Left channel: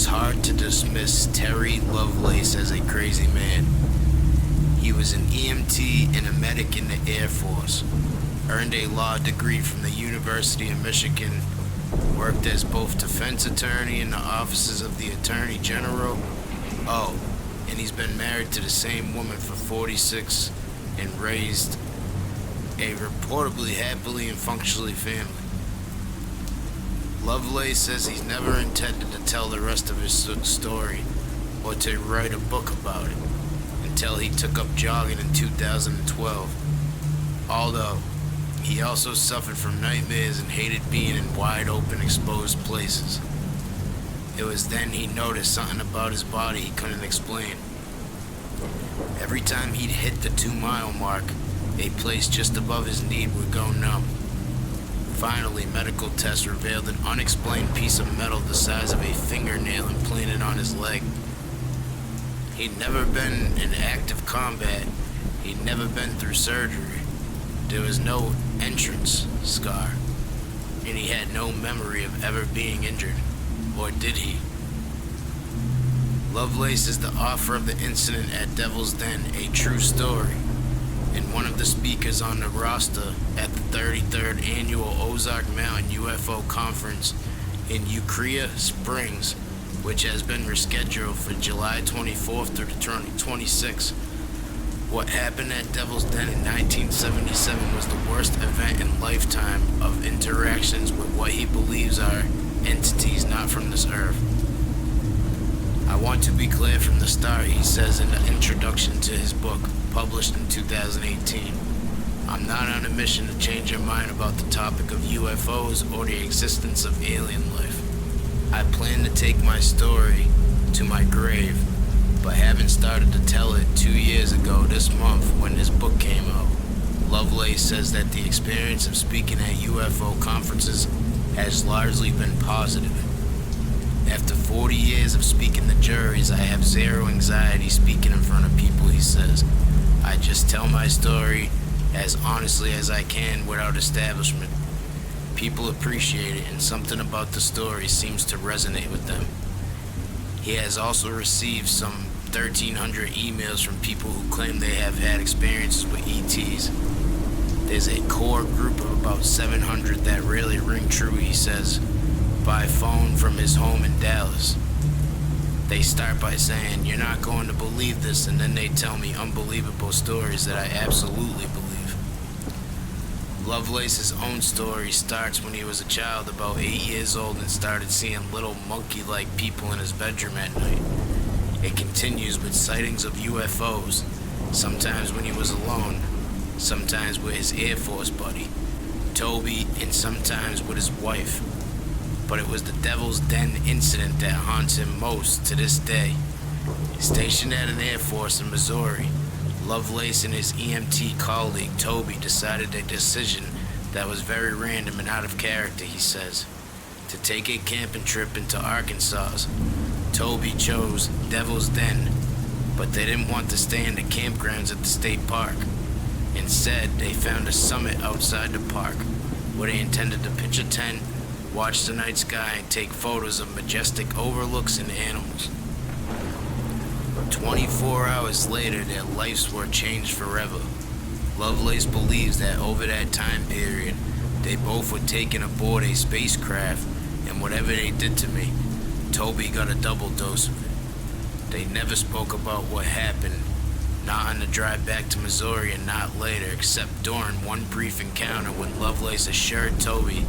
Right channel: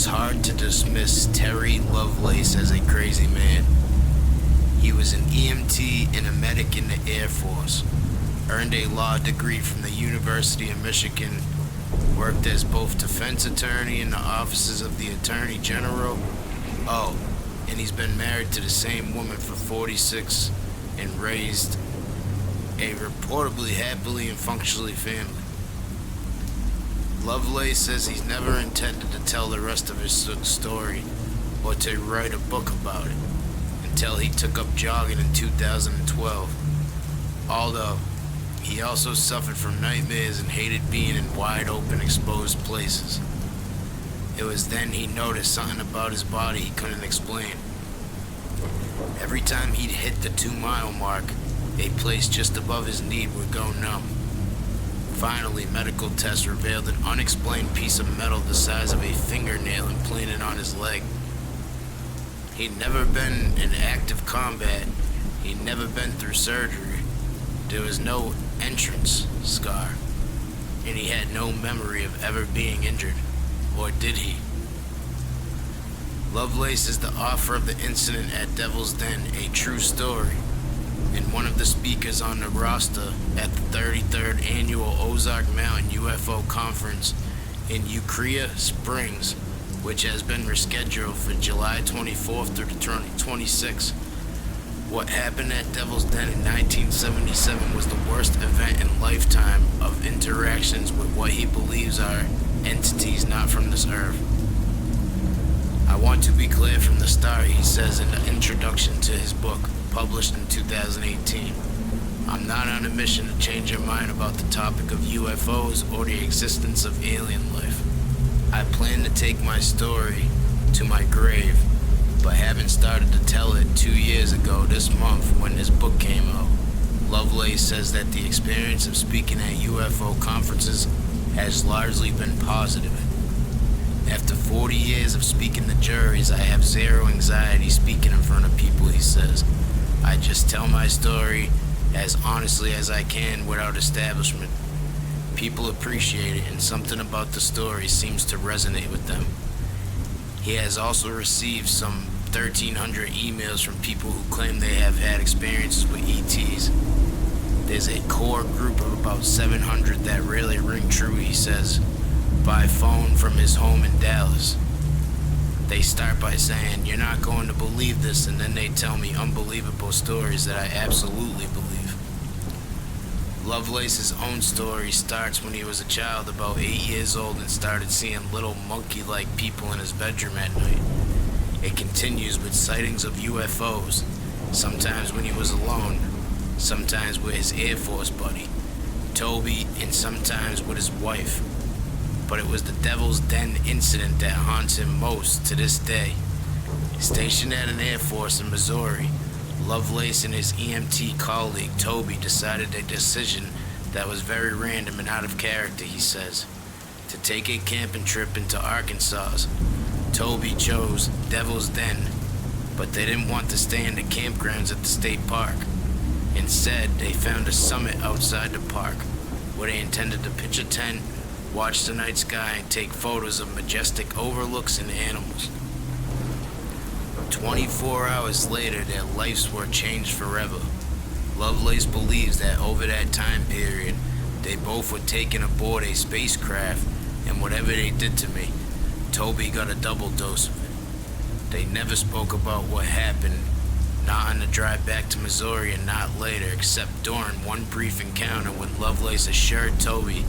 it's hard to dismiss Terry Lovelace as a crazy man. He was an EMT and a medic in the Air Force, earned a law degree from the University of Michigan, worked as both defense attorney in the offices of the Attorney General. Oh, and he's been married to the same woman for 46 and raised a reportedly happily and functionally family. Lovelace says he's never intended to tell the rest of his story or to write a book about it until he took up jogging in 2012. Although, he also suffered from nightmares and hated being in wide open exposed places. It was then he noticed something about his body he couldn't explain. Every time he'd hit the 2-mile mark, a place just above his knee would go numb. Finally, medical tests revealed an unexplained piece of metal the size of a fingernail implanted on his leg. He'd never been in active combat. He'd never been through surgery. There was no entrance scar, and he had no memory of ever being injured. Or did he? Lovelace is the author of the incident at Devil's Den, a true story, and one of the speakers on the roster at the 33rd Annual Ozark Mountain UFO Conference in Ukiah Springs, which has been rescheduled for July 24th through the 26th. What happened at Devil's Den in 1977 was the worst event in lifetime of interactions with what he believes are entities not from this earth. I want to be clear from the start, he says in the introduction to his book, published in 2018. I'm not on a mission to change your mind about the topic of UFOs or the existence of alien life. I plan to take my story to my grave, but haven't started to tell it 2 years ago this month when this book came out. Lovelace says that the experience of speaking at UFO conferences has largely been positive. After 40 years of speaking to juries, I have zero anxiety speaking in front of people, he says. I just tell my story as honestly as I can without establishment. People appreciate it, and something about the story seems to resonate with them. He has also received some 1,300 emails from people who claim they have had experiences with ETs. There's a core group of about 700 that really ring true, he says, by phone from his home in Dallas. They start by saying, "You're not going to believe this," and then they tell me unbelievable stories that I absolutely believe. Lovelace's own story starts when he was a child, about 8 years old, and started seeing little monkey-like people in his bedroom at night. It continues with sightings of UFOs, sometimes when he was alone, sometimes with his Air Force buddy, Toby, and sometimes with his wife. But it was the Devil's Den incident that haunts him most to this day. Stationed at an Air Force in Missouri, Lovelace and his EMT colleague Toby decided a decision that was very random and out of character, he says, to take a camping trip into Arkansas. Toby chose Devil's Den, but they didn't want to stay in the campgrounds at the state park. Instead, they found a summit outside the park where they intended to pitch a tent, watch the night sky, and take photos of majestic overlooks and animals. 24 hours later, their lives were changed forever. Lovelace believes that over that time period, they both were taken aboard a spacecraft, and whatever they did to me, Toby got a double dose of it. They never spoke about what happened, not on the drive back to Missouri and not later, except during one brief encounter when Lovelace assured Toby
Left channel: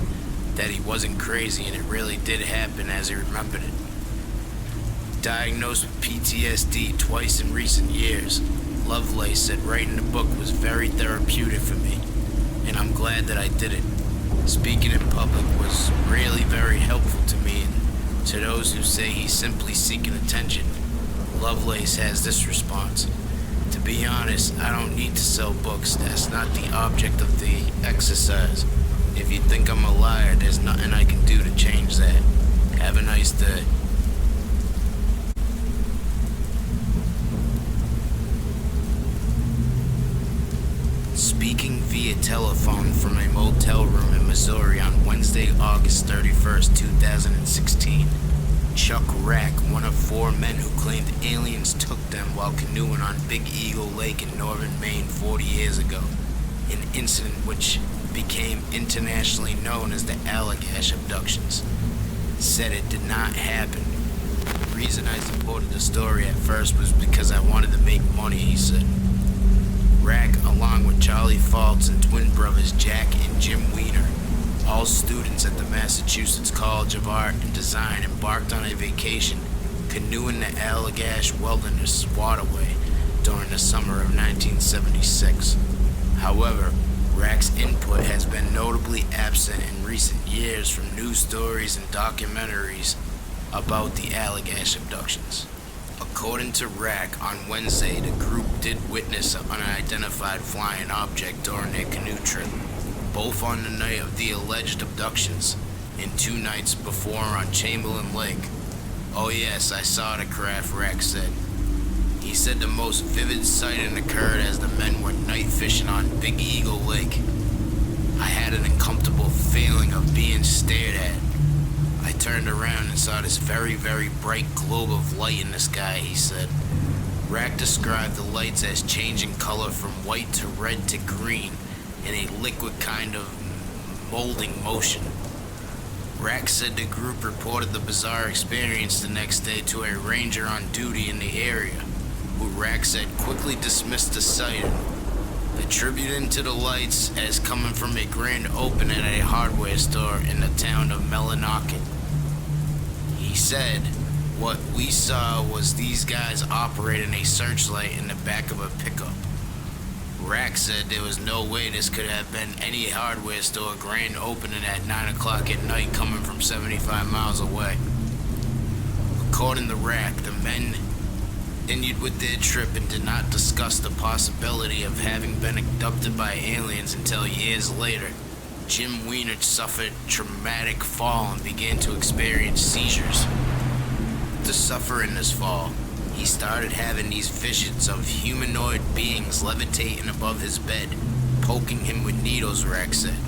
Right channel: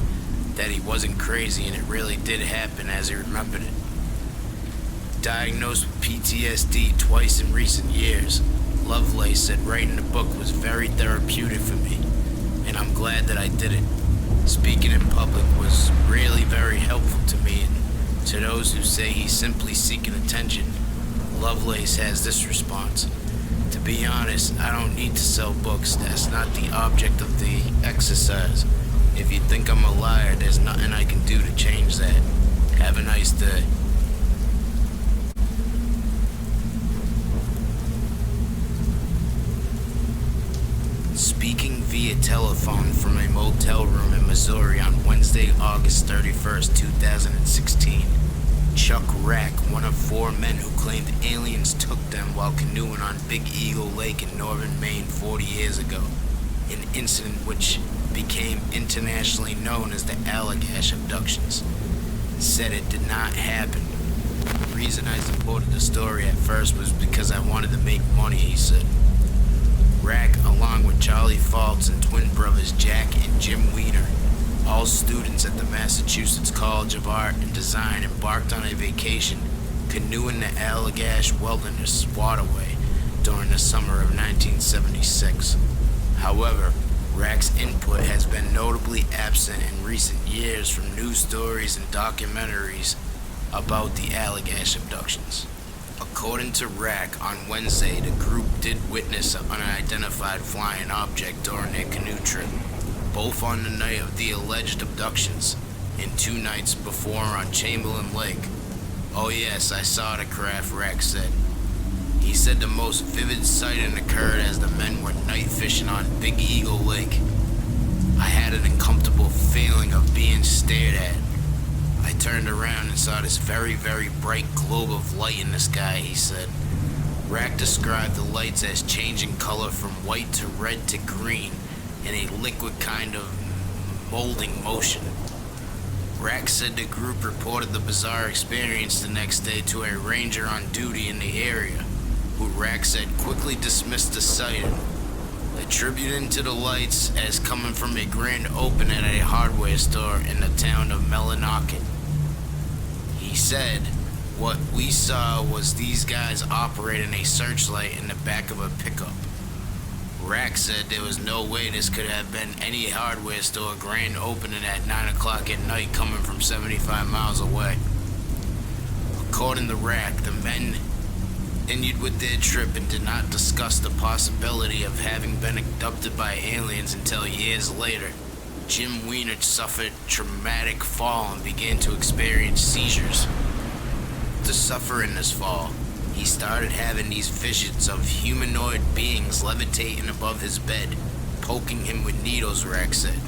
that he wasn't crazy and it really did happen as he remembered it. Diagnosed with PTSD twice in recent years, Lovelace said writing the book was very therapeutic for me, and I'm glad that I did it. Speaking in public was really very helpful to me, and to those who say he's simply seeking attention, Lovelace has this response: "To be honest, I don't need to sell books. That's not the object of the exercise. If you think I'm a liar, there's nothing I can do to change that. Have a nice day." Speaking via telephone from a motel room in Missouri on Wednesday, August 31st, 2016. Chuck Rack, one of 4 men who claimed aliens took them while canoeing on Big Eagle Lake in northern Maine 40 years ago, an incident which became internationally known as the Allagash abductions, said it did not happen. The reason I supported the story at first was because I wanted to make money, he said. Rack, along with Charlie Faults and twin brothers Jack and Jim Weiner, all students at the Massachusetts College of Art and Design, embarked on a vacation canoeing the Allagash Wilderness Waterway during the summer of 1976. However, Rack's input has been notably absent in recent years from news stories and documentaries about the Allagash abductions. According to Rack, on Wednesday, the group did witness an unidentified flying object during their canoe trip, both on the night of the alleged abductions and 2 nights before on Chamberlain Lake. "Oh yes, I saw the craft," Rack said. He said the most vivid sighting occurred as the men were night fishing on Big Eagle Lake. "I had an uncomfortable feeling of being stared at. I turned around and saw this very, very bright globe of light in the sky," he said. Rack described the lights as changing color from white to red to green in a liquid kind of molding motion. Rack said the group reported the bizarre experience the next day to a ranger on duty in the area, who Rack said quickly dismissed the sighting, attributing to the lights as coming from a grand opening at a hardware store in the town of Millinocket. He said, "What we saw was these guys operating a searchlight in the back of a pickup." Rack said there was no way this could have been any hardware store grand opening at 9 o'clock at night coming from 75 miles away. According to Rack, the men continued with their trip and did not discuss the possibility of having been abducted by aliens until years later. Jim Weiner suffered traumatic fall and began to experience seizures. To suffer in this fall, he started having these visions of humanoid beings levitating above his bed, poking him with needles, Rack said.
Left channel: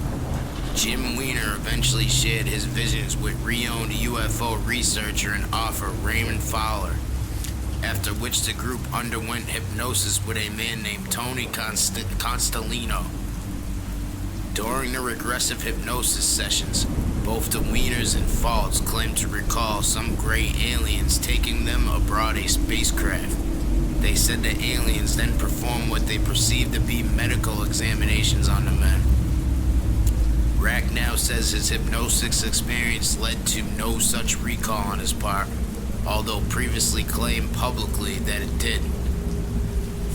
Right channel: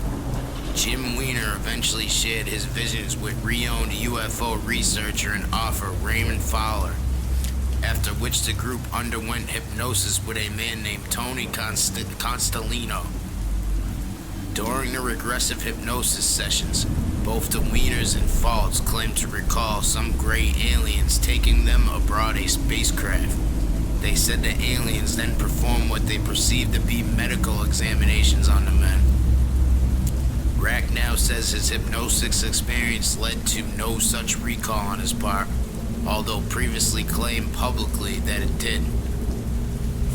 Jim Weiner eventually shared his visions with renowned UFO researcher and author Raymond Fowler, after which the group underwent hypnosis with a man named Tony Constellino. During the regressive hypnosis sessions, both the Wieners and Faults claimed to recall some gray aliens taking them aboard a spacecraft. They said the aliens then performed what they perceived to be medical examinations on the men. Rack now says his hypnosis experience led to no such recall on his part, although previously claimed publicly that it did.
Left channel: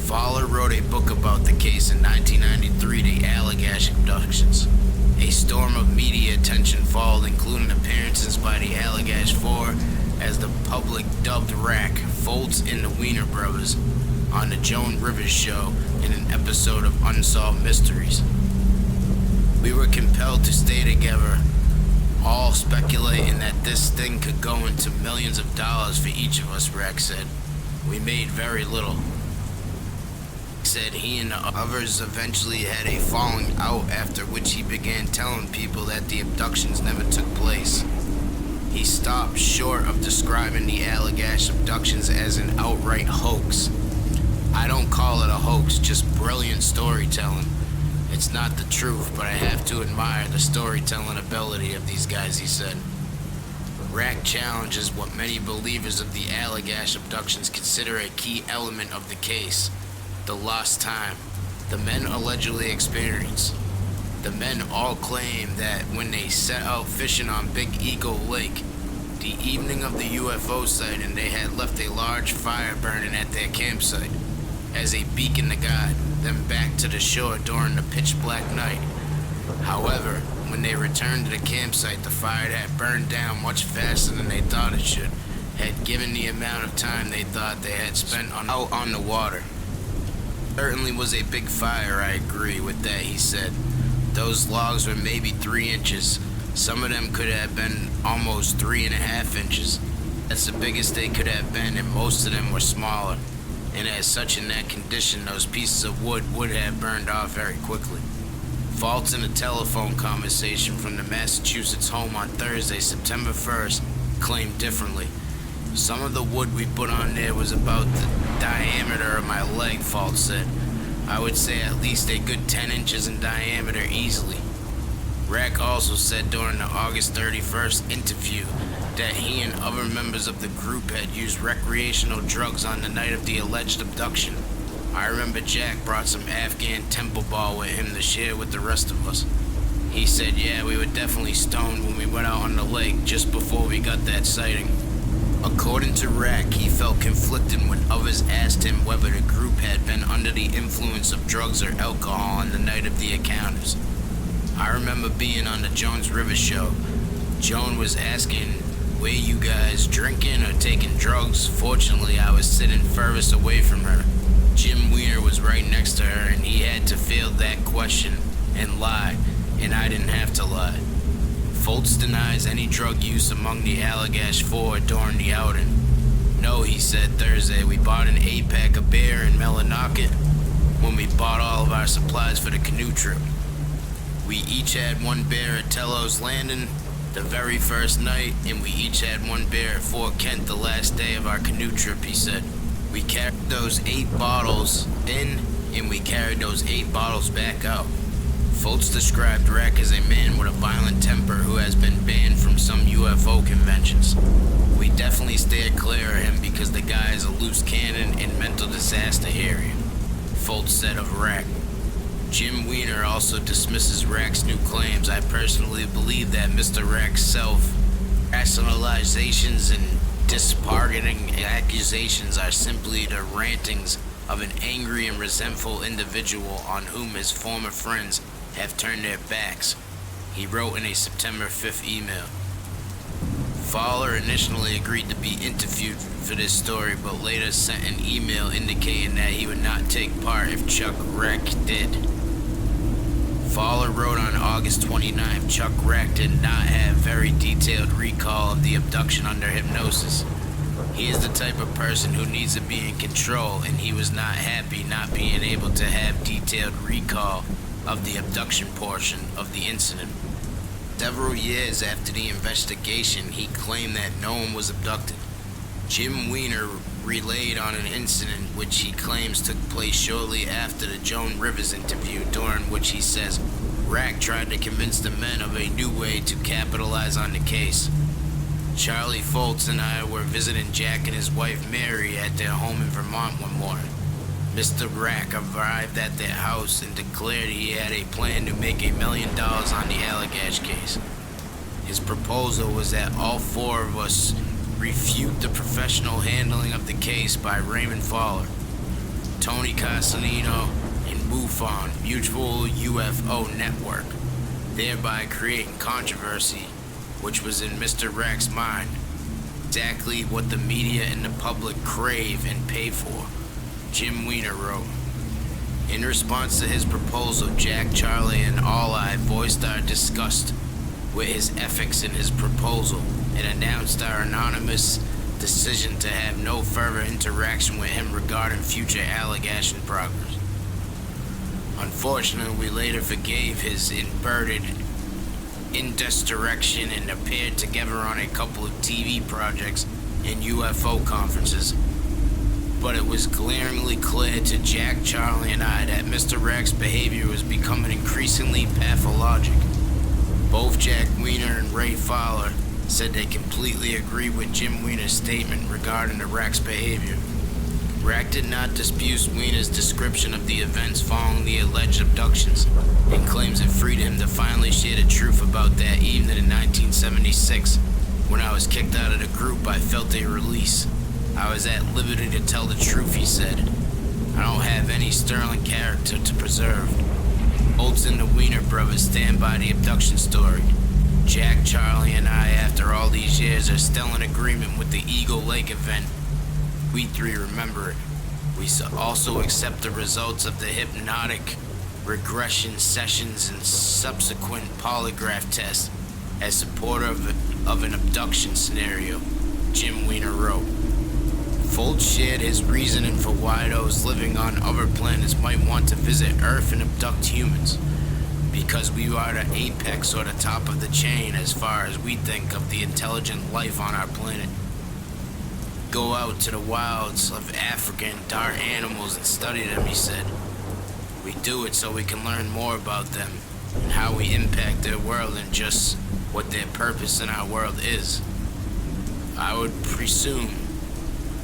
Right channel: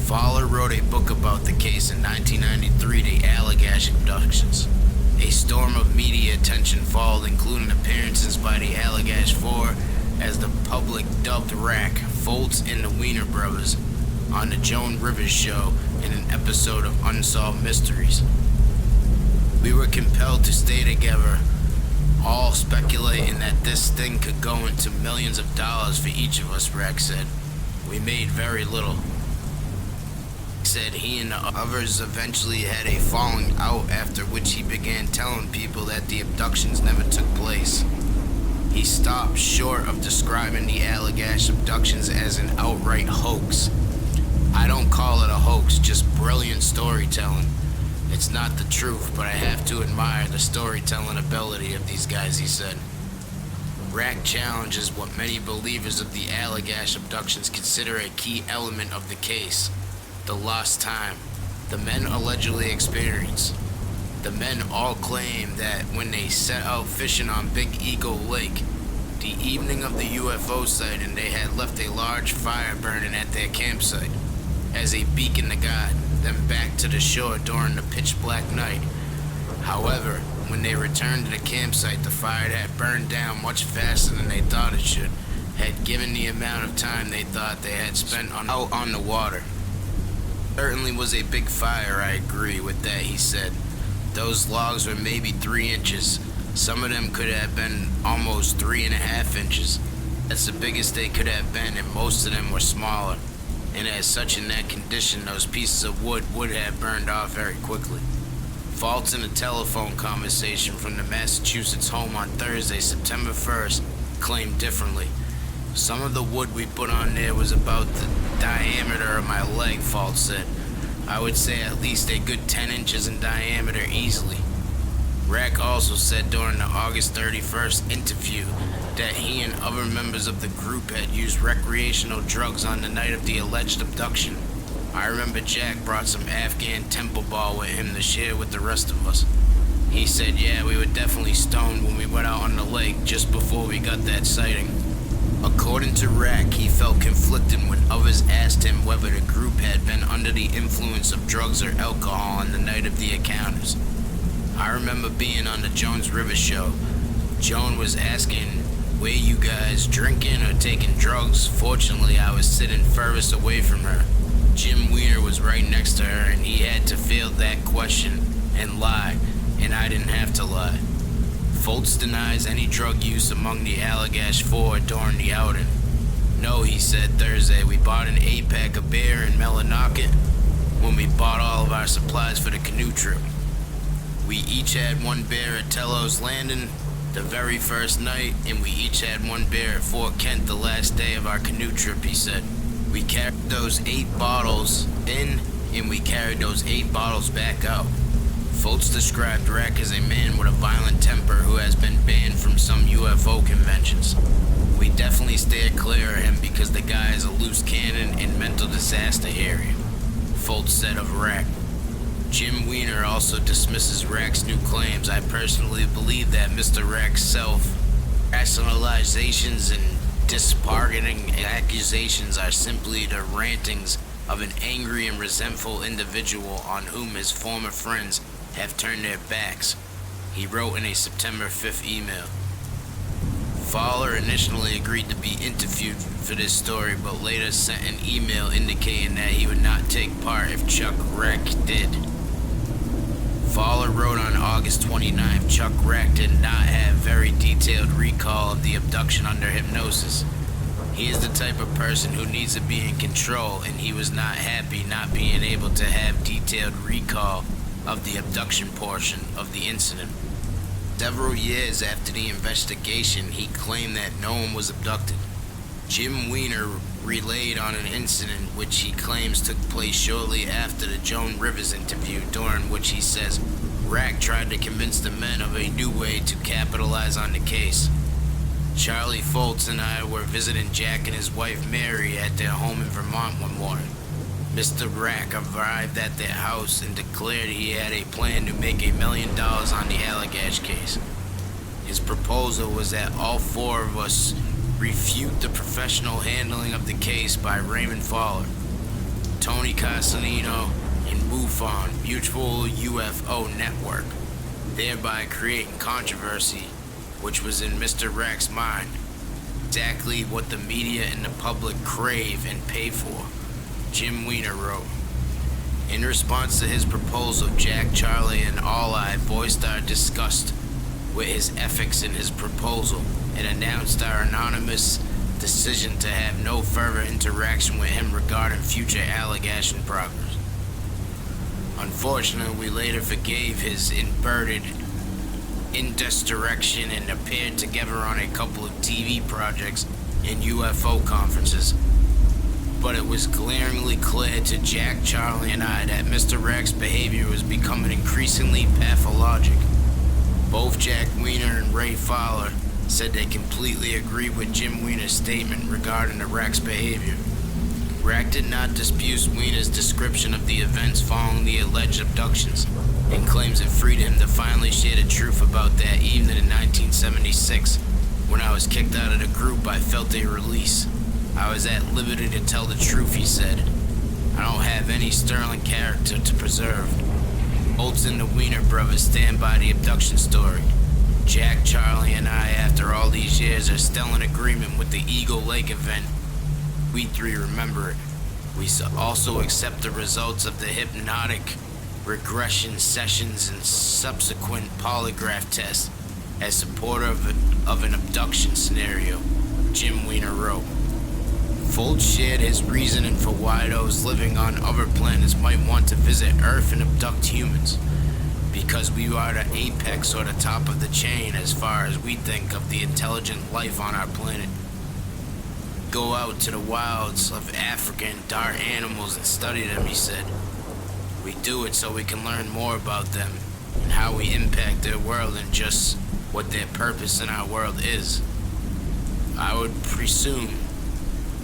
Fowler wrote a book about the case in 1993, The Allagash Abductions. A storm of media attention followed, including appearances by the Allagash Four, as the public dubbed Rack, Foltz, and the Weiner brothers, on the Joan Rivers Show in an episode of Unsolved Mysteries. "We were compelled to stay together, all speculating that this thing could go into millions of dollars for each of us," Rack said. "We made very little." Said he and the others eventually had a falling out, after which he began telling people that the abductions never took place. He stopped short of describing the Allagash abductions as an outright hoax. "I don't call it a hoax, just brilliant storytelling. It's not the truth, but I have to admire the storytelling ability of these guys," he said. Rack challenges what many believers of the Allagash abductions consider a key element of the case: the lost time the men allegedly experienced. The men all claim that when they set out fishing on Big Eagle Lake, the evening of the UFO sighting, they had left a large fire burning at their campsite as a beacon to guide them back to the shore during the pitch black night. However, when they returned to the campsite, the fire had burned down much faster than they thought it should, had given the amount of time they thought they had spent out on the water. "Certainly was a big fire, I agree with that," he said. "Those logs were maybe 3 inches. Some of them could have been almost 3.5 inches. That's the biggest they could have been, and most of them were smaller. And as such, in that condition, those pieces of wood would have burned off very quickly." Faults in a telephone conversation from the Massachusetts home on Thursday, September 1st, claimed differently. Some of the wood we put on there was about the diameter of my leg, Fultz said. I would say at least a good 10 inches in diameter easily. Rack also said during the August 31st interview that he and other members of the group had used recreational drugs on the night of the alleged abduction. I remember Jack brought some Afghan temple ball with him to share with the rest of us. He said, yeah, we were definitely stoned when we went out on the lake just before we got that sighting. According to Rack, he felt conflicted when others asked him whether the group had been under the influence of drugs or alcohol on the night of the encounters. I remember being on the Jones River show. Joan was asking, were you guys drinking or taking drugs? Fortunately, I was sitting furthest away from her. Jim Weiner was right next to her, and he had to field that question and lie, and I didn't have to lie. Fultz denies any drug use among the Allagash Four during the outing. No, he said Thursday, we bought an 8-pack of beer in Millinocket when we bought all of our supplies for the canoe trip. We each had one beer at Tello's Landing the very first night, and we each had one beer at Fort Kent the last day of our canoe trip, he said. We carried those 8 bottles in, and we carried those 8 bottles back out. Fultz described Rack as a man with a violent temper who has been banned from some UFO conventions. We definitely steered clear of him because the guy is a loose cannon and mental disaster area, Fultz said of Rack. Jim Weiner also dismisses Rack's new claims. I personally believe that Mr. Rack's self-rationalizations and disparaging accusations are simply the rantings of an angry and resentful individual on whom his former friends have turned their backs, he wrote in a September 5th email. Fowler initially agreed to be interviewed for this story, but later sent an email indicating that he would not take part if Chuck Rack did. Fowler wrote on August 29th, Chuck Rack did not have very detailed recall of the abduction under hypnosis. He is the type of person who needs to be in control, and he was not happy not being able to have detailed recall of the abduction portion of the incident. Several years after the investigation, he claimed that no one was abducted. Jim Weiner relayed on an incident which he claims took place shortly after the Joan Rivers interview, during which he says Rack tried to convince the men of a new way to capitalize on the case. Charlie Fultz and I were visiting Jack and his wife Mary at their home in Vermont one morning. Mr. Rack arrived at their house and declared he had a plan to make $1 million on the Allagash case. His proposal was that all 4 of us refute the professional handling of the case by Raymond Fowler, Tony Castellino, and MUFON, Mutual UFO Network, thereby creating controversy, which was in Mr. Rack's mind exactly what the media and the public crave and pay for, Jim Weiner wrote. In response to his proposal, Jack, Charlie, and All I voiced our disgust with his ethics in his proposal and announced our anonymous decision to have no further interaction with him regarding future allegation progress. Unfortunately, we later forgave his inverted indirection and appeared together on a couple of TV projects and UFO conferences. But it was glaringly clear to Jack, Charlie, and I that Mr. Rack's behavior was becoming increasingly pathologic. Both Jack Weiner and Ray Fowler said they completely agreed with Jim Weiner's statement regarding the Rack's behavior. Rack did not dispute Weiner's description of the events following the alleged abductions and claims it freed him to finally share the truth about that evening in 1976. When I was kicked out of the group, I felt a release. I was at liberty to tell the truth, he said. I don't have any sterling character to preserve. Fultz and the Weiner brothers stand by the abduction story. Jack, Charlie, and I, after all these years, are still in agreement with the Eagle Lake event. We 3 remember it. We also accept the results of the hypnotic regression sessions and subsequent polygraph tests as supportive of an abduction scenario, Jim Weiner wrote. Fultz shared his reasoning for why those living on other planets might want to visit Earth and abduct humans. because we are the apex or the top of the chain as far as we think of the intelligent life on our planet. Go out to the wilds of Africa and dark animals and study them, he said. We do it so we can learn more about them and how we impact their world and just what their purpose in our world is. I would presume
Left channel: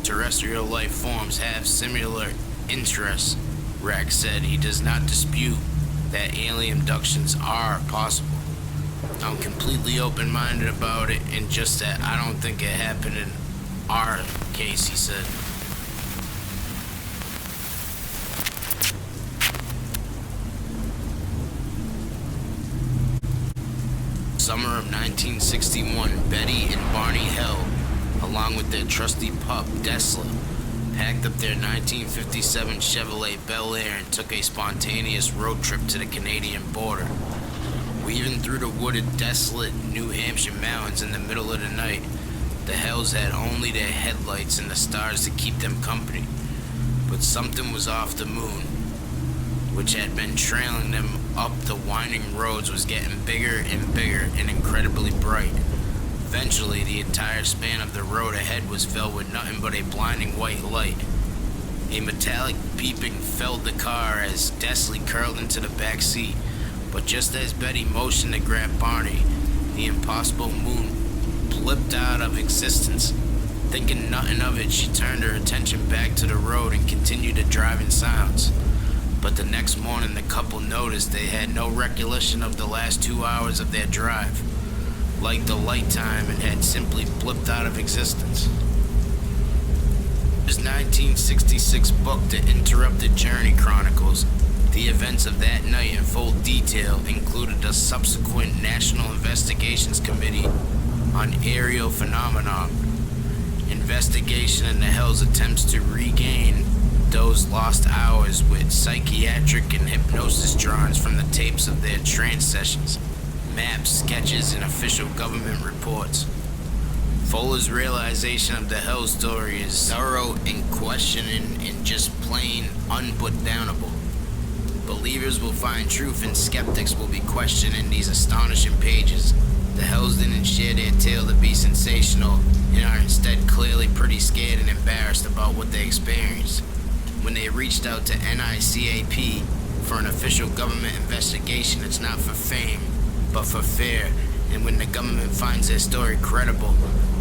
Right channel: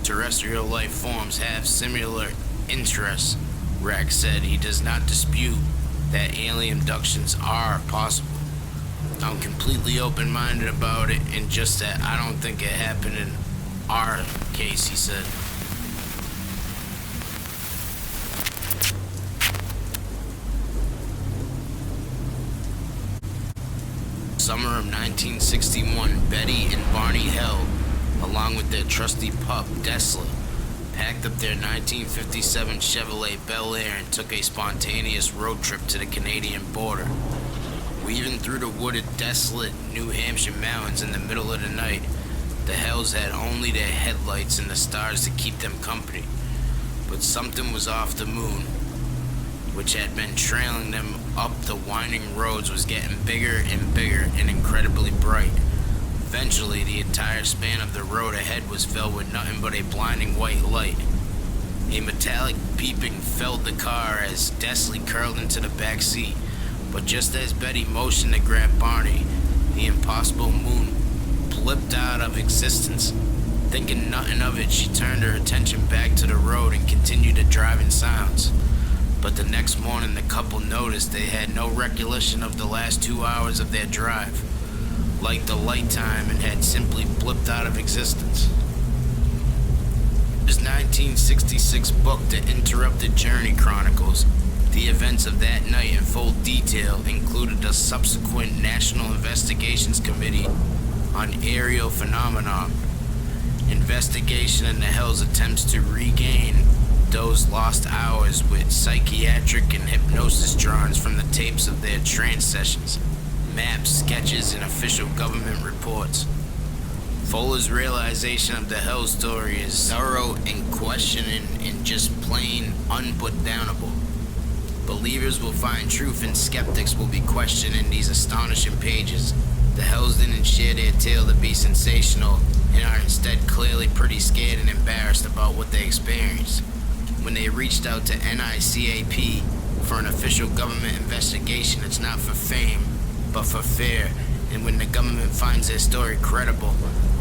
terrestrial life forms have similar interests, Rex said. He does not dispute that alien abductions are possible. I'm completely open-minded about it, and just that I don't think it happened in our case, he said. Summer of 1961, Betty and Barney Hill, along with their trusty pup, Desolate, packed up their 1957 Chevrolet Bel Air and took a spontaneous road trip to the Canadian border. Weaving through the wooded, desolate New Hampshire mountains in the middle of the night, the Hells had only their headlights and the stars to keep them company. But something was off. The moon, which had been trailing them up the winding roads, was getting bigger and bigger and incredibly bright. Eventually, the entire span of the road ahead was filled with nothing but a blinding white light. A metallic beeping filled the car as Desley curled into the back seat. But just as Betty motioned to grab Barney, the impossible moon blipped out of existence. Thinking nothing of it, she turned her attention back to the road and continued to drive in silence. But the next morning, the couple noticed they had no recollection of the last 2 hours of their drive, like the light time, and had simply blipped out of existence. His 1966 book, The Interrupted Journey, chronicles the events of that night in full detail, included a subsequent National Investigations Committee on Aerial Phenomenon investigation and the Hells' attempts to regain those lost hours with psychiatric and hypnosis drawings from the tapes of their trance sessions, maps, sketches, and official government reports. Fuller's realization of the Hell story is thorough and questioning and just plain unputdownable. Believers will find truth and skeptics will be questioned in these astonishing pages. The Hells didn't share their tale to be sensational and are instead clearly pretty scared and embarrassed about what they experienced. When they reached out to NICAP for an official government investigation, it's not for fame, but for fear. And when the government finds their story credible,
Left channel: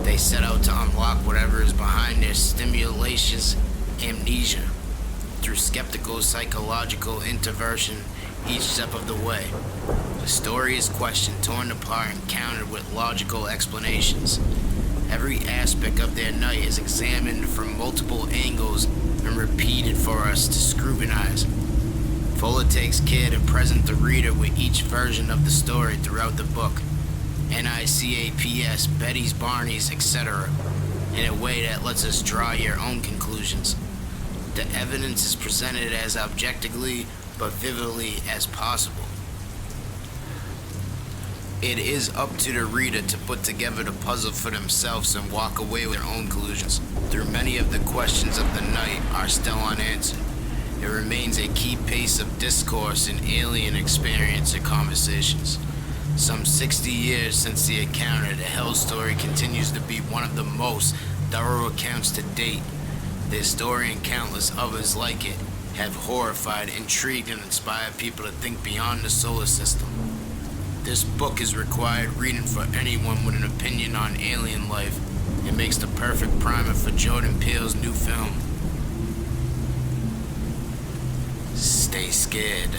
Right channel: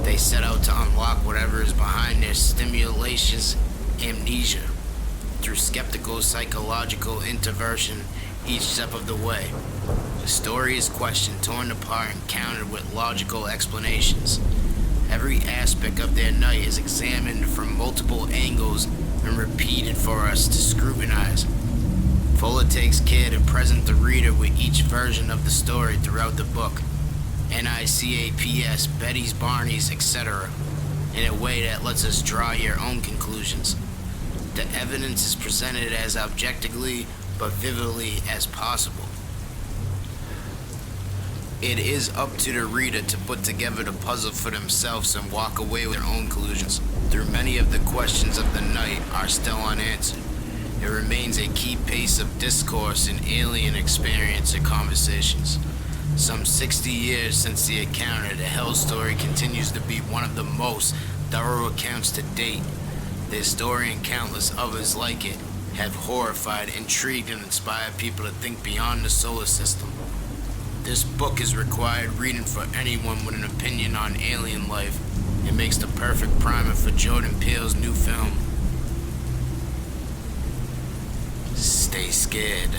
they set out to unlock whatever is behind their stimulation's amnesia through skeptical psychological intervention each step of the way. The story is questioned, torn apart, and countered with logical explanations. Every aspect of their night is examined from multiple angles and repeated for us to scrutinize. Fuller takes care to present the reader with each version of the story throughout the book, NICAPS, Betty's, Barney's, etc., in a way that lets us draw your own conclusions. The evidence is presented as objectively but vividly as possible. It is up to the reader to put together the puzzle for themselves and walk away with their own conclusions. Through many of the questions of the night are still unanswered. It remains a key piece of discourse in alien experience and conversations. Some 60 years since the encounter, the Hell story continues to be one of the most thorough accounts to date. This story and countless others like it have horrified, intrigued, and inspired people to think beyond the solar system. This book is required reading for anyone with an opinion on alien life. It makes the perfect primer for Jordan Peele's new film. Stay scared.